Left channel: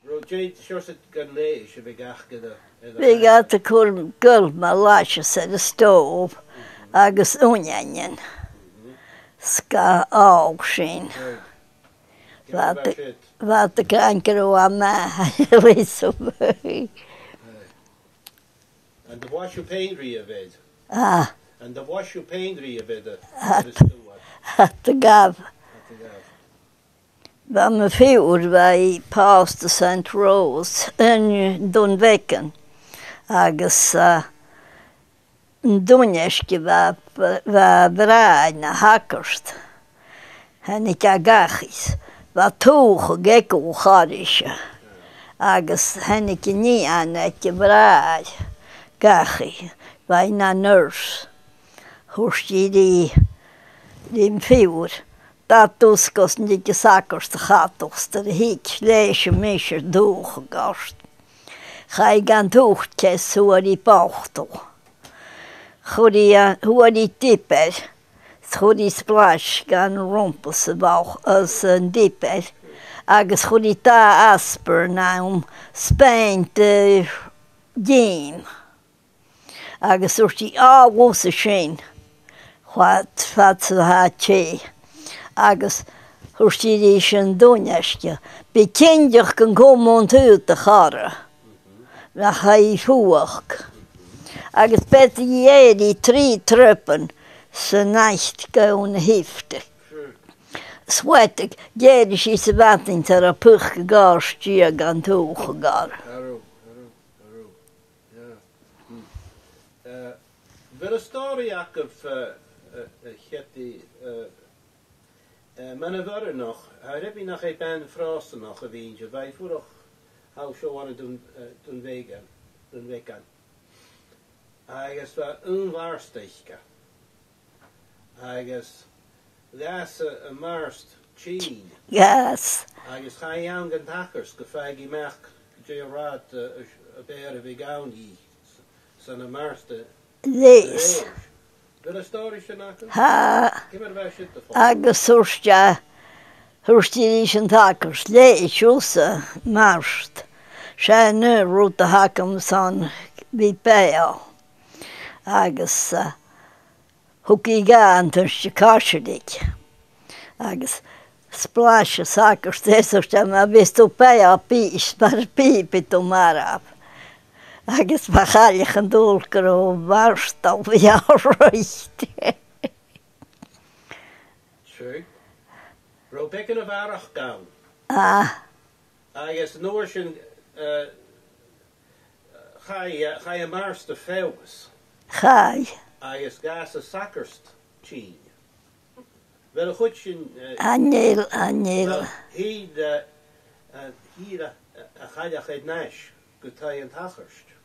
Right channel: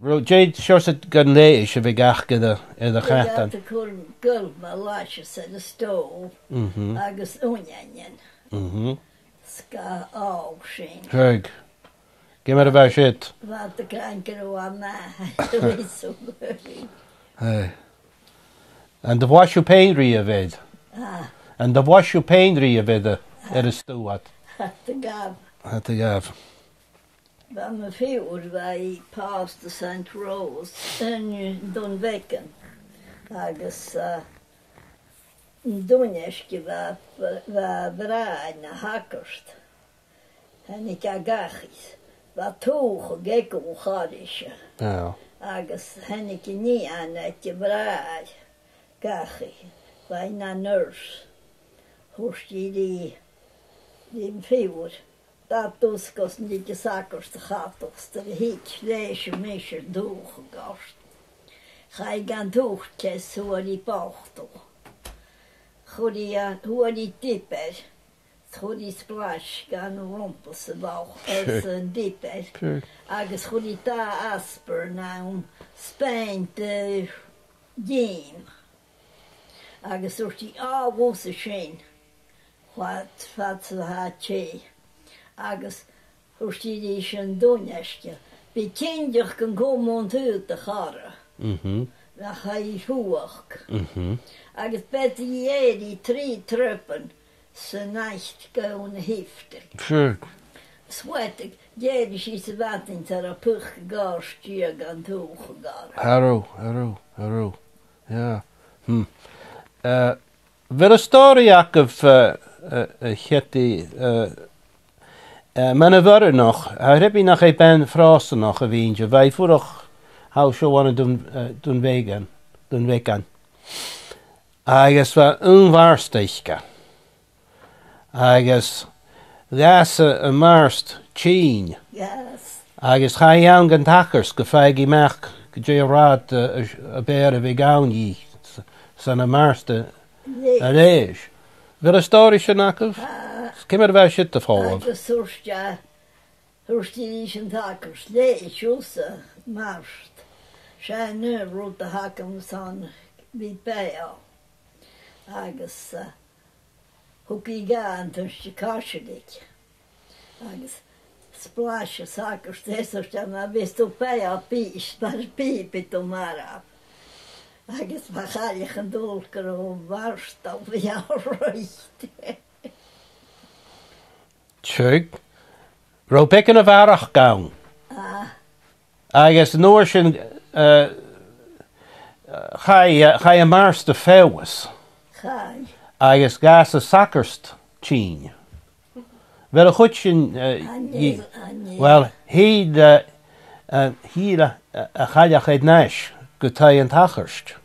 Ro Jade sure said gan leish a bigach in the They got the cool girl my lashes at the stove. Agus onion. Ska Aonghais. Greg. Give me about shit. Wat de kanker o ma. Wees so very. Hey. And the wash you painry of it. And the wash you painry of it at a stew at. At the gav. At the gav. Waar me vuur wij past de St. Rose en doen wekken. Agus een donjesje waar braai na hakkerst. En ik Aonghais. Waar toege gekko garisje. Agus en ik niet aan het braai. Gachi. Wij na nurs. Hoest je die vuur. Dat was niet de zakkerste gaat, de hiet, leesje, meisje, doorgegast. Ga ik aan het hoogtjes, hoe die pachtel. Hoe die dieper, hoe die splash gaan rompen ze bouw, als een dieper. Agus hoe die ta asper, nou, spijnt de game. Agus hoe die woese scheen, wat ze had je. Agus hwrstid sy'n donestje. Bekendig kan komen uit de gare. Na hij voeg. Agus beti je die 3 truppen ze nacht gaan heftig. Sweatig, jeder is ze wat in ter pug gegaan, stier gaan toegegaan. Haro. Ja. Wel een story of getty. Men er waren nog, heb je nog een frosten nog een windje. Wij vorig hou zo aan doen weken. Agus was onwaarstichtje. Agus gasse een marst tien. Yes. Agus ga je aan gaan takkers, gefeigi merk, je raad een bere vegan je, zijn marste lees. Wil een story snakken? Kom er wel shit te volgen. Agus hwrstid sy'n takkers, lees jusse marst. Zijn nu route hakken zo'n bit bij. Agus hoek ik gaan tussen kasjedik. Agus splasje takkers, dessutom maar wist op bij pies, maar piepet om maar af. Agus bachal ich an dulker o marst auf ja recht. Tjug. Ro bekken of arach gaun. Agus noorschen ga je marst de fewes. Gai. Agus gas a sakkerst tien. Wel een goedje. Anel. Wel, he ga je het nash. Gutay en tacherst.